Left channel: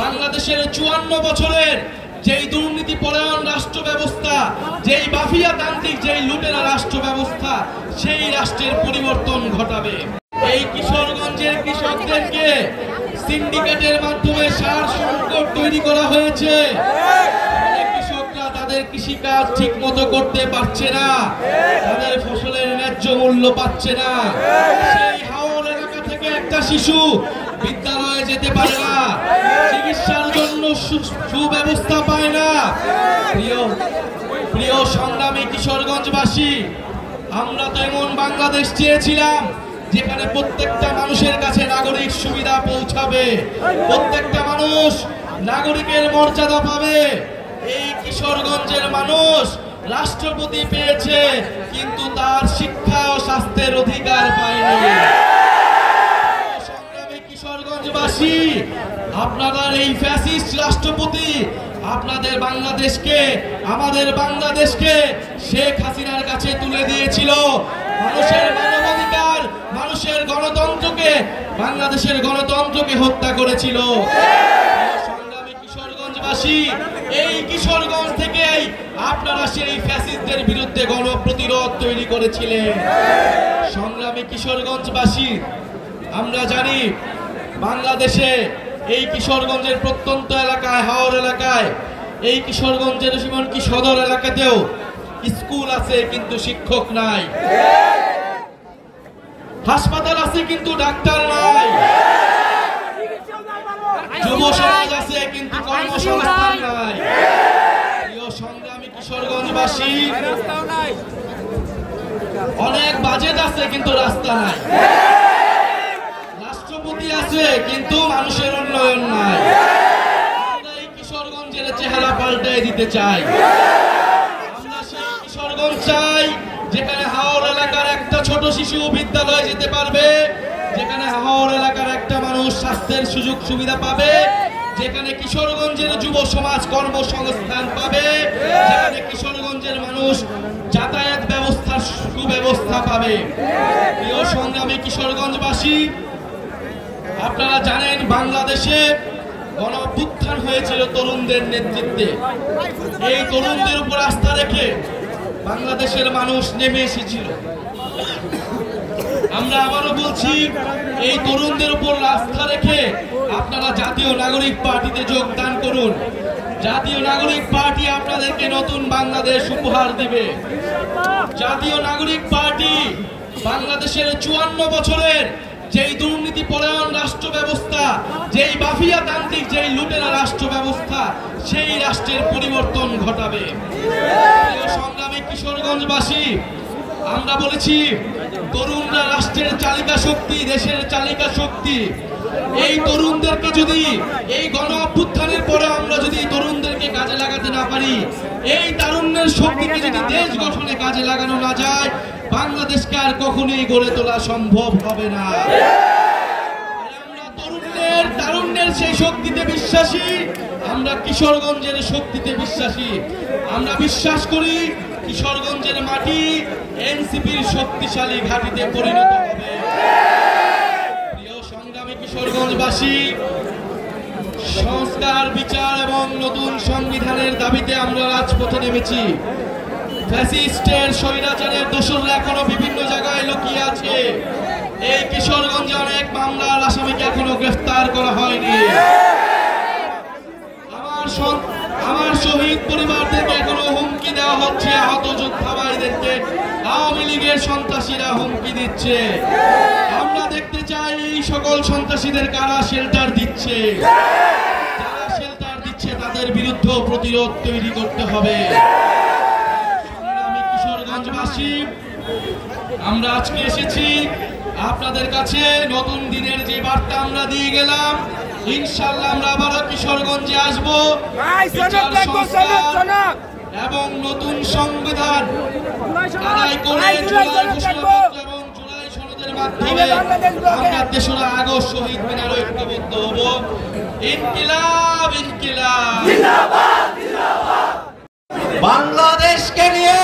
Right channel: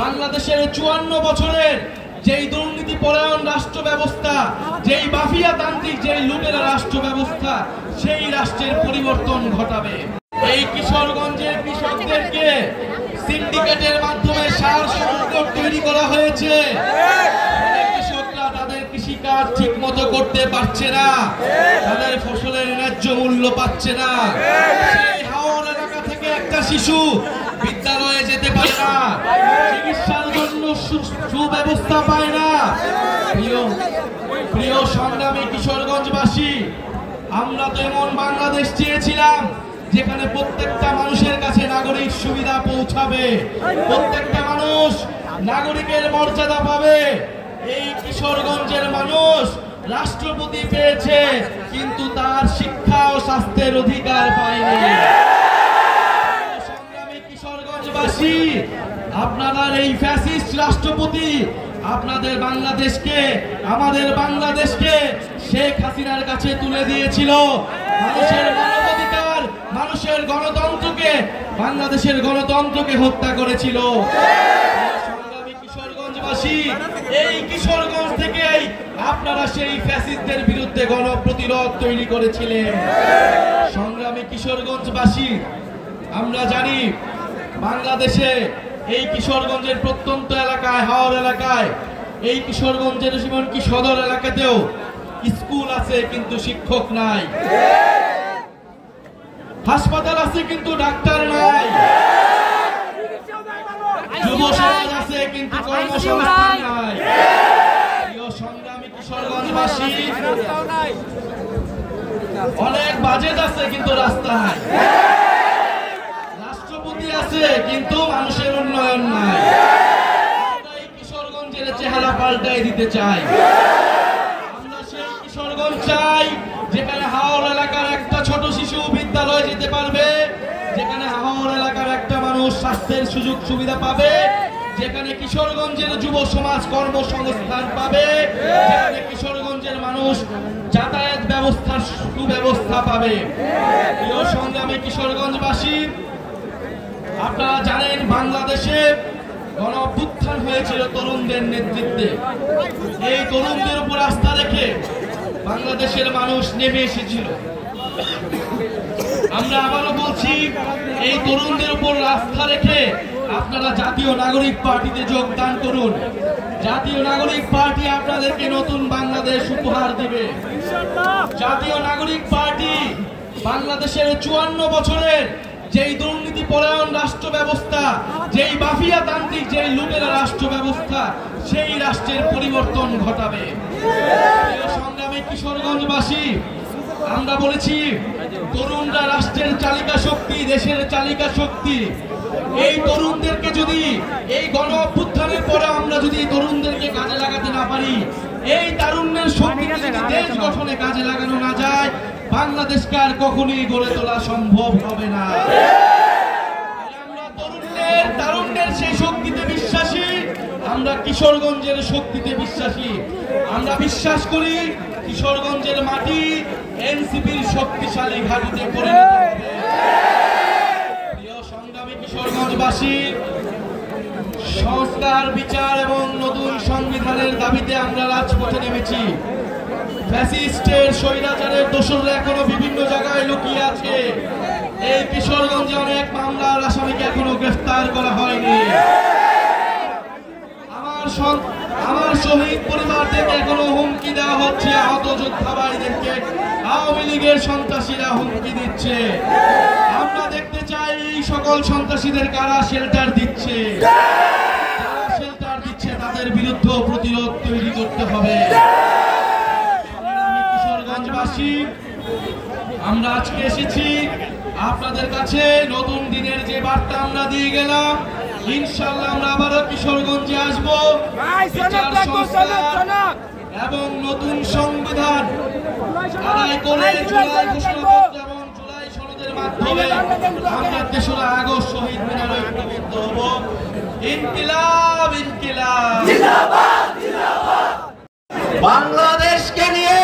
বাংলাদেশের 54 বছরের যেই দুর্নীতি পরায়ণ রাষ্ট্র ব্যবস্থা, যেই মাফিয়াতান্ত্রিক, যেই লুটেরা রাষ্ট্র ব্যবস্থা, সেই রাষ্ট্রের পরিবর্তন ঘটাবে। এই কিশোরগঞ্জের কৃষকদেরকে সিন্ডিকেটের মাধ্যমে সার সংকট তৈরি করা হয়েছে। কৃষকরা তাদের কৃষিকাজ ঠিক মতো করতে পারছে না, তাদের ফসলের ন্যায্য মূল্য পাচ্ছে না। সেই হাওর এলাকা থেকে একটা শিশু বিদ্যালয়ে যেতে পারে না, চিকিৎসার জন্য সুব্যবস্থা পায় না। প্রিয় সংগ্রামী কিশোরগঞ্জবাসী, আমরা তো এমন বাংলাদেশ চেয়েছিলাম যেখানে প্রত্যেকটা মানুষের কাছে নাগরিক সুবিধা পৌঁছাবে, প্রত্যেকটা মানুষ নাগরিকের মর্যাদা পাবে। এই কিশোরগঞ্জের মানুষ রাষ্ট্রপতি পেয়েছে, কিন্তু তার শিক্ষা ও স্বাস্থ্যের অধিকার পায়নি। সংগ্রামী কিশোরগঞ্জবাসী, আপনারা এই ফ্যাসিস্ট রাষ্ট্রপতি আপনাদের বাংলাদেশকে, আমাদের বাংলাদেশকে শেখ হাসিনার কাছে তুলে দিয়েছিল। মানুষের মানবাধিকার, মানুষের গণতন্ত্রকে, বাংলাদেশের গণতন্ত্রকে হত্যা করেছিল। সংগ্রামী কিশোরগঞ্জবাসী, এই কিশোরগঞ্জ থেকেই আপনারা সেই ফ্যাসিস্টদের বিরুদ্ধে গণপ্রতিরোধ তৈরি করেছিলেন। সংগ্রামী কিশোরগঞ্জবাসী, আমরা জানি বাংলাদেশে এই কিশোরগঞ্জের প্রত্যন্ত এলাকায়, হাওর এলাকায়, এই কিশোরগঞ্জের এমনকি সদর এলাকাতেও স্কুল আছে কিন্তু শিক্ষক নাই, হাসপাতাল আছে কিন্তু ডাক্তার নাই, যুব সমাজ আছে কিন্তু কর্মসংস্থান নাই। প্রিয় সংগ্রামী কিশোরগঞ্জবাসী, অনেক বাজেট আছে কিন্তু রাস্তা নাই, রাষ্ট্রপতি আছে কিন্তু মানুষের উন্নয়ন নাই। আমরা এই কিশোরগঞ্জের চেহারা পাল্টায় দিতে চাই। আমরা সেই কিশোরগঞ্জ চাই যেখানে হাওর এলাকার একটা ছোট শিশু বিদ্যালয়ে যেতে পারবে, যেখানে হাওর এলাকার একটা মানুষ স্বাস্থ্যের সুযোগ সুবিধা পাবে, যেখানে কিশোরগঞ্জের যুব সমাজ কর্মসংস্থান পাবে, যেখানে কিশোরগঞ্জের মানুষ যাতায়াত ব্যবস্থার সুব্যবস্থা পাবে। প্রিয় সংগ্রামী কিশোরগঞ্জবাসী, আপনারা জানেন বাংলাদেশে গণ অভ্যুত্থান হয়েছিল তরুণদের নেতৃত্বে। এই তরুণদের উপর আস্থা রেখে বাংলাদেশের মানুষ নেমে এসেছিল। আমরা আবারও বলছি, এই তরুণদের উপর আস্থা রেখে আপনারা জাতীয় নাগরিক পার্টিতে যোগদান করুন। জাতীয় নাগরিক পার্টি আপনাদেরকে নতুন বাংলাদেশ উপহার দেবে। জাতীয় নাগরিক পার্টি বাংলাদেশের 54 বছরের যেই দুর্নীতি পরায়ণ রাষ্ট্র ব্যবস্থা, যেই মাফিয়াতান্ত্রিক, যেই লুটেরা রাষ্ট্র ব্যবস্থা, সেই রাষ্ট্রের পরিবর্তন ঘটাবে। সংগ্রামী কিশোরগঞ্জবাসী, আমরা বলেছি তরুণরা রাষ্ট্রের চালিকা শক্তি, দেশের চালিকা শক্তি। এই তরুণদেরকে যদি এই গণ অভ্যুত্থানের পরে আমরা যদি তরুণদেরকে কাজে লাগাতে না পারি, এই তারুণ্যের শক্তিকে যদি দেশ গঠনে কাজে লাগানো না যায়, বাংলাদেশকে আর কখনোই গড়ে তোলা সম্ভব হবে না। আমরা তারুণ্যের সেই শক্তিতে বিশ্বাসী, আমরা কিশোরগঞ্জের শক্তিতে বিশ্বাসী। আমরা বিশ্বাস করি কিশোরগঞ্জের মাটি এনসিপির শক্তিশালী ঘাঁটিতে পরিণত হবে। প্রিয় সংগ্রামী কিশোরগঞ্জবাসী, সংস্কার, বিচার এবং নতুন সংবিধানের দাবিতে আমরা রাজপথে নেমেছি। ফ্যাসিস্টের স্বৈরাচারের দোসররা এখনো বিভিন্ন জায়গায় লুকিয়ে আছে। এই কিশোরগঞ্জে অনেক মামলার আসামিকে এখনো গ্রেফতার করা হয়নি। আমার শহীদ পরিবারদেরকে এখনো হুমকি দেওয়া হচ্ছে, আহত যোদ্ধা ভাইদেরকে আওয়ামী লীগের সন্ত্রাসীরা হুমকি দিচ্ছে। আমরা দেখতে চাই এই সকল সন্ত্রাসীদের কারা শেল্টার দিচ্ছে, যারা শেল্টার দিচ্ছে তাদের বিরুদ্ধে প্রতিরোধ তৈরি করতে হবে। কিশোরগঞ্জবাসী, আমরা আজকে এসেছি আপনাদের কাছে নতুন দিনের যে বার্তা আমরা দিয়ে গেলাম, ইনশাআল্লাহ আমরা আবারও কিশোরগঞ্জে আসবো। বিচার সংস্কার এবং নতুন সংবিধান আদায় করে জুলাই ঘোষণাপত্র এবং জুলাই সনদের মাধ্যমে আমরা 3রা আগস্ট শহীদ মিনারে ঐক্যবদ্ধ হব। ইনকিলাব, ইনকিলাব জিন্দাবাদ, জিন্দাবাদ। বাংলাদেশকে নিয়ে,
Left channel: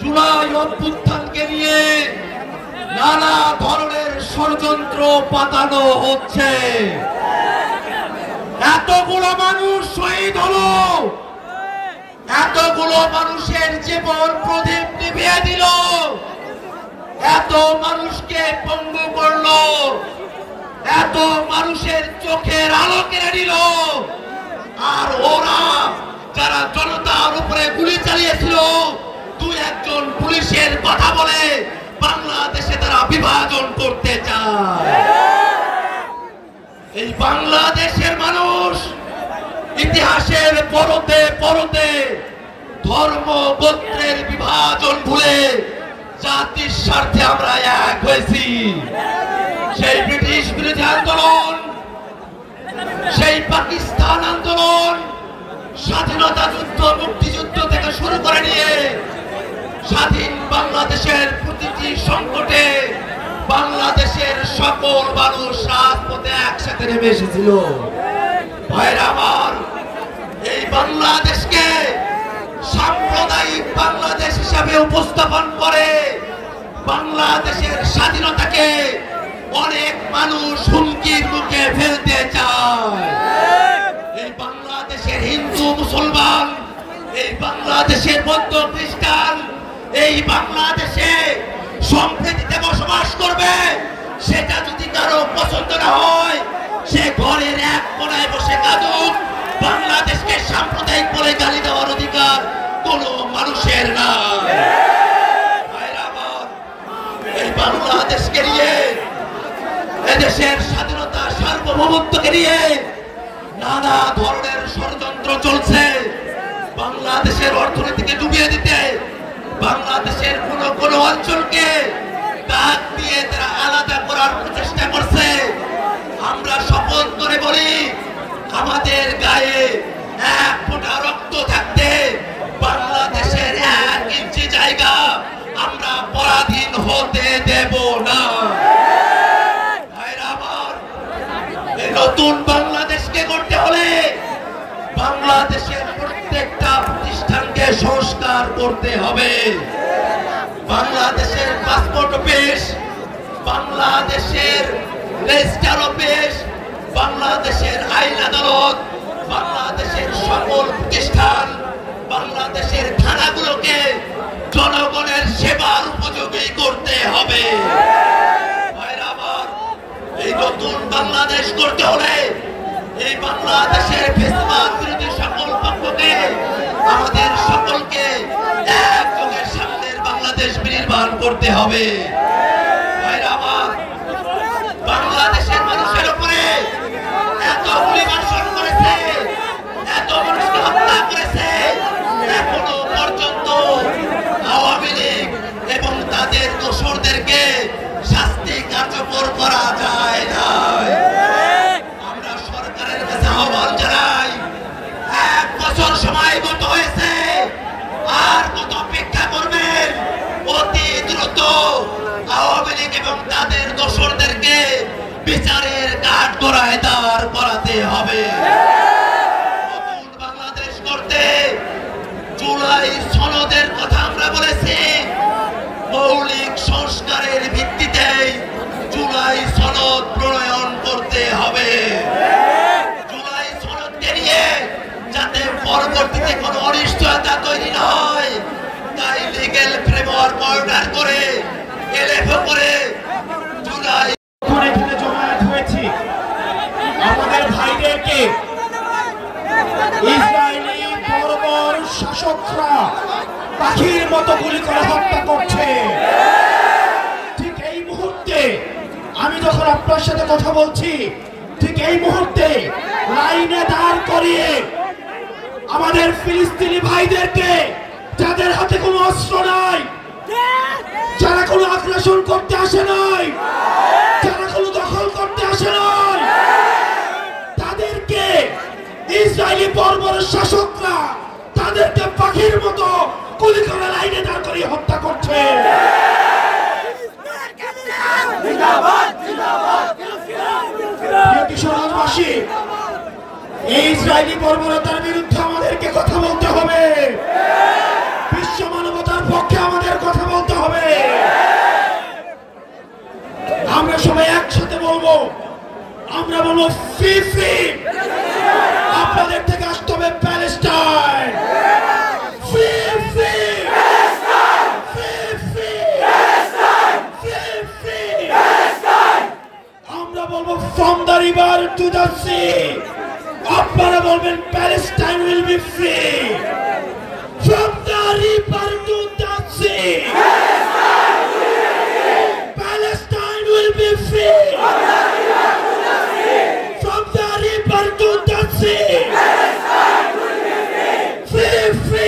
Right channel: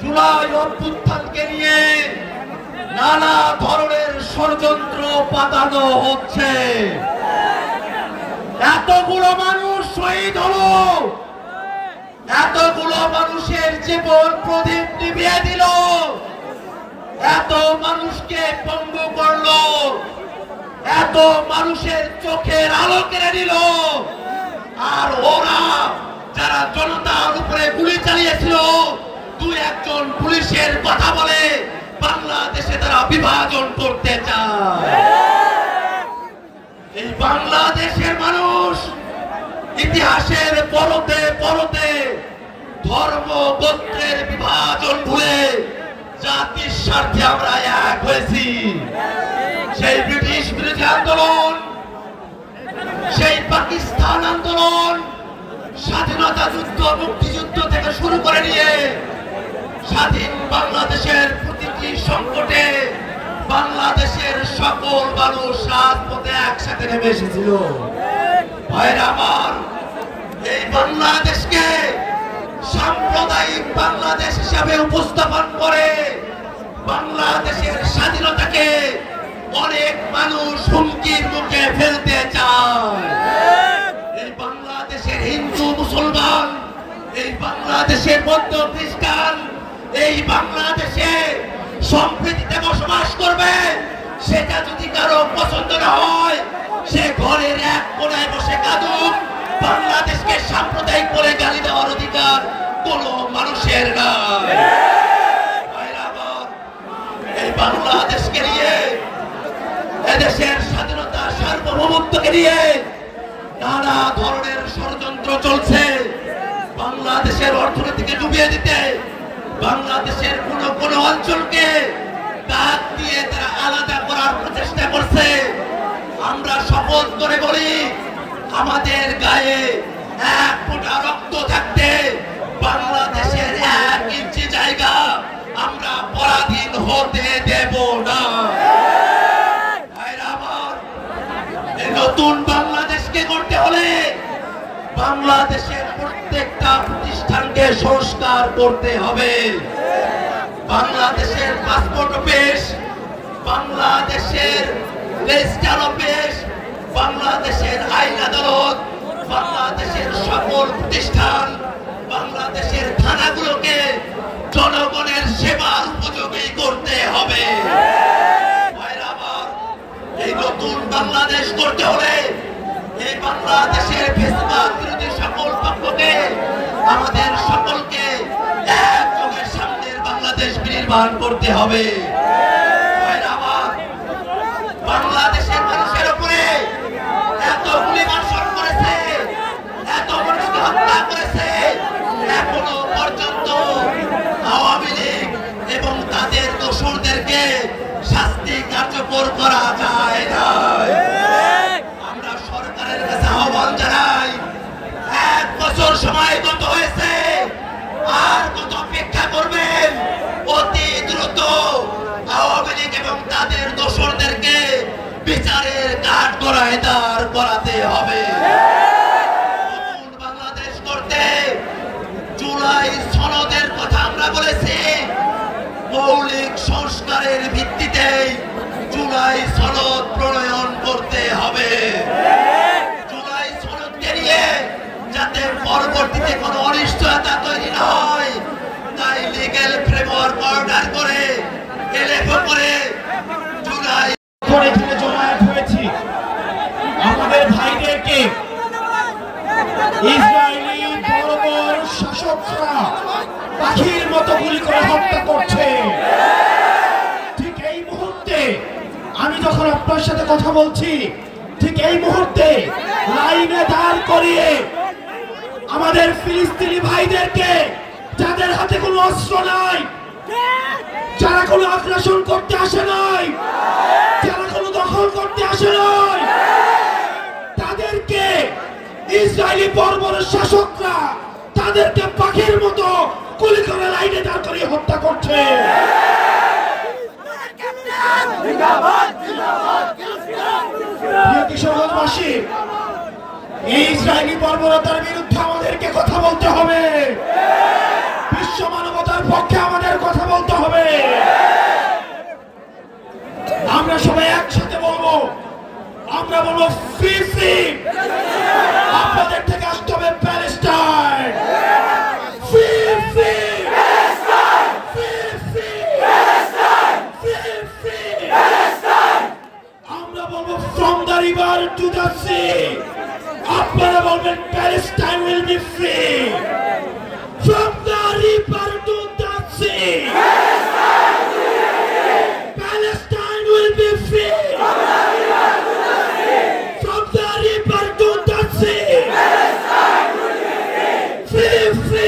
জুলাই অভ্যুত্থানকে নিয়ে নানা ধরনের ষড়যন্ত্র পাতানো হচ্ছে। এতগুলো মানুষ শহীদ হলো, এতগুলো মানুষের জীবন প্রদীপ নিভিয়ে দিল, এত মানুষকে পঙ্গু করলো, এত মানুষের চোখের আলো কেড়ে নিল। আর ওরা যারা জনতার উপরে গুলি চালিয়েছিল, দুই একজন পুলিশের কথা বলে বাংলাদেশে তারা বিভাজন করতে চায়। এই বাংলাদেশের মানুষ ইতিহাসের পরতে পরতে ধর্ম গোত্রের বিভাজন ভুলে জাতির স্বার্থে আমরা এক হয়েছি। সেই ব্রিটিশ বিরোধী আন্দোলন, সেই পাকিস্তান আন্দোলন, স্বাধীনতা যুদ্ধ, মুক্তিযুদ্ধ থেকে শুরু করে নিয়ে স্বাধীন বাংলাদেশের প্রতিটি সংকটে বাংলাদেশের সকল মানুষ রাজপথে একসাথে নেমে এসেছিল। ভাইরা আমার, এই বাংলাদেশকে সাম্প্রদায়িক বাংলাদেশ হিসাবে উপস্থাপন করে বাংলাদেশের স্বাধীনতাকে অনেক মানুষ হুমকির মুখে ফেলতে চায়। এই বাংলাদেশের হিন্দু মুসলমান, এই বাংলাদেশের বৌদ্ধ খ্রিস্টান, এই বাংলাদেশে সম্প্রীতিতে বসবাস করবে, সেটা যদি কারো পছন্দ না হয় সে ঘরের এক কোণায় বসে কাঁদুক। বাংলাদেশকে সাম্প্রদায়িক বলে গালি দেওয়ার অধিকার কোনো মানুষের নাই। এই বাংলাদেশকে নিয়ে, এদেশের স্বাধীনতা সার্বভৌমত্বকে নিয়ে নানা ধরনের ষড়যন্ত্র চলছে। বাংলাদেশের অর্থনীতিকে ডুবিয়ে দিতে, বাংলাদেশের কোন অঞ্চলকে দাগ দিয়ে তারা আলাদা করার প্রচেষ্টা করছে। আমরা শপথ করে বলি, আমাদের গায়ে এক ফোঁটা রক্ত থাকতে বাংলাদেশের 1 ইঞ্চি জায়গা আমরা পরাধীন হতে দেব না। নতুন বাংলাদেশকে করতে হলে বাংলাদেশের প্রত্যেকটা প্রতিষ্ঠানকে সংস্কার করতে হবে। বাংলাদেশের পাসপোর্ট অফিস, বাংলাদেশের রেজিস্ট্রার অফিস, বাংলাদেশের আইন আদালত, বাংলাদেশের সকল প্রতিষ্ঠান, বাংলাদেশের থানাগুলোকে জনগণের সেবার উপযোগী করতে হবে। এই নতুন বাংলাদেশ করতে হলে এই বাংলাদেশের ফ্যাসিবাদ বিরোধী সকল পক্ষকে, আমাদের সকলকে একযোগে সামনের বাংলাদেশ বিনির্মাণ করতে হবে। বাংলাদেশের মানুষের উপরে এত গুলিবর্ষণ করেছে, এত মানুষকে হত্যা করেছে, এখনো পর্যন্ত আওয়ামী লীগ এবং তাদের দোসরদেরকে শাস্তি কার্যকর করা যায় না। আমরা সরকারের কাছে আহ্বান জানাই, 1 বছর সময় গত হয়েছে, আর কত অপেক্ষা করবেন? অতি দ্রুত আওয়ামী লীগ এবং তাদের দোসরদেরকে বিচারের কাঠগড়ায় দাঁড় করাতে হবে। নতুন বাংলাদেশ করতে জুলাই সনদের কথা আমরা বলেছি। মৌলিক সংস্কারের ভিত্তিতে জুলাই সনদ প্রণয়ন করতে হবে। জুলাই সনদকে নিয়ে যাতে পরবর্তীতে কোনো অনিশ্চয়তা তৈরি না হয়, তাই লিগ্যাল ফ্রেমওয়ার্ক অর্ডার করে এলএফও করে জুলাই এখানে জমায়েত হয়েছি। আমাদের ভাইদেরকে ইসরায়েলি বর্বর শাসকরা পাখির মতো গুলি করে হত্যা করছে। ঠিক এই মুহূর্তে আমি যখন আপনার সাথে কথা বলছি, ঠিক এই মুহূর্তে লাইনে দাঁড় করিয়ে আমাদের ফিলিস্তিনি ভাইদেরকে, যাদের হাতে কোনো অস্ত্র নাই, যারা কোনো আগ্রাসন করতে আসে নাই, যারা কোনো দখল করতে আসে নাই, তাদেরকে ইসরায়েলি বর্বর শাসকরা তাদেরকে পাখির মতো গুলি করে লাইনে দাঁড় করিয়ে হত্যা করছে। কিশোরগঞ্জবাসী, এই ইসরায়েলি বর্বরতার বিরুদ্ধে আমাদেরকে কথা বলতে হবে। বিশ্ব মানবতার পক্ষে আমাদের কথা বলতে হবে। আমরা সবাই একসাথে বলবো, আমরা বলবো ফ্রি ফ্রি, আপনারা বলবেন Palestine will be free from the river to the sea Palestine will be free from the river to the sea free free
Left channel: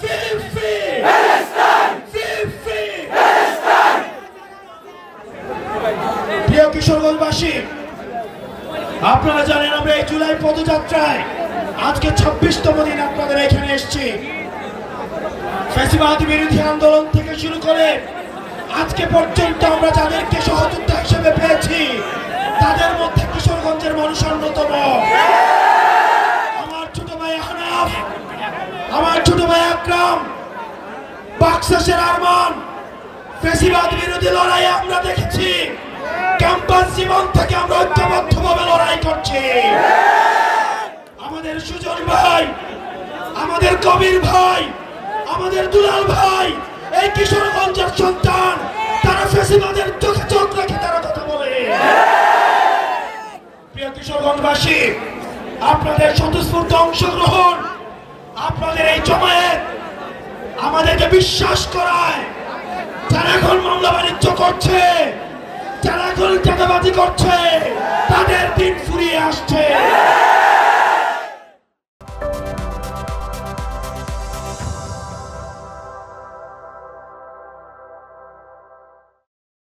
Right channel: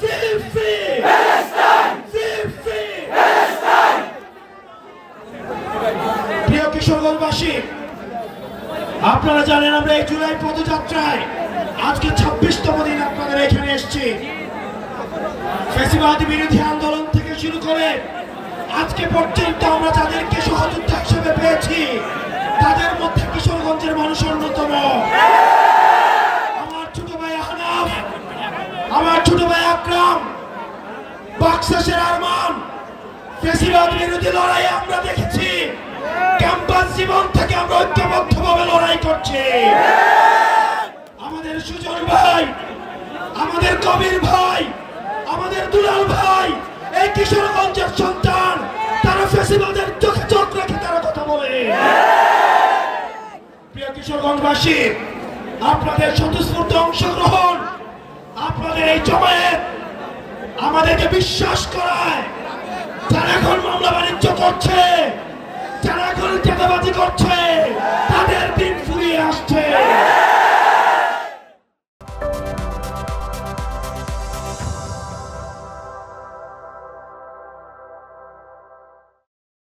free free free প্রিয় কিশোরগঞ্জবাসী, আপনারা জানেন আমরা এই জুলাই পদযাত্রায় আজকে 26তম দিন আপনাদের এখানে এসেছি। ফ্যাসিবাদ বিরোধী আন্দোলন থেকে শুরু করে আজকে পর্যন্ত আমরা যাদেরকে সহযোদ্ধা হিসেবে পেয়েছি তাদের মধ্যে কিশোরগঞ্জের মানুষ অন্যতম। আমার ছোট ভাই হানাফ, আমার ছোট ভাই আকরাম, বাক্সাসের আরমান, ফ্যাসিবাদ বিরোধী লড়াই আমরা দেখেছি। ক্যাম্পাস জীবন থেকে আমরা ঐক্যবদ্ধভাবে লড়াই করছি। আমাদের সুজন ভাই, আমাদের কবির ভাই, আমাদের দুলাল ভাই এই কিশোরগঞ্জের সন্তান, তারা ফ্যাসিবাদের চোখে চোখ রেখে তারা কথা বলে। প্রিয় কিশোরগঞ্জবাসী, আপনাদের স্বতঃস্ফূর্ত অংশগ্রহণ, আপনাদের এই জমায়েত আমাদেরকে বিশ্বাস করায় যারা এখন মামলা বাণিজ্য করছে, যারা এখন টাকাবাজি করছে,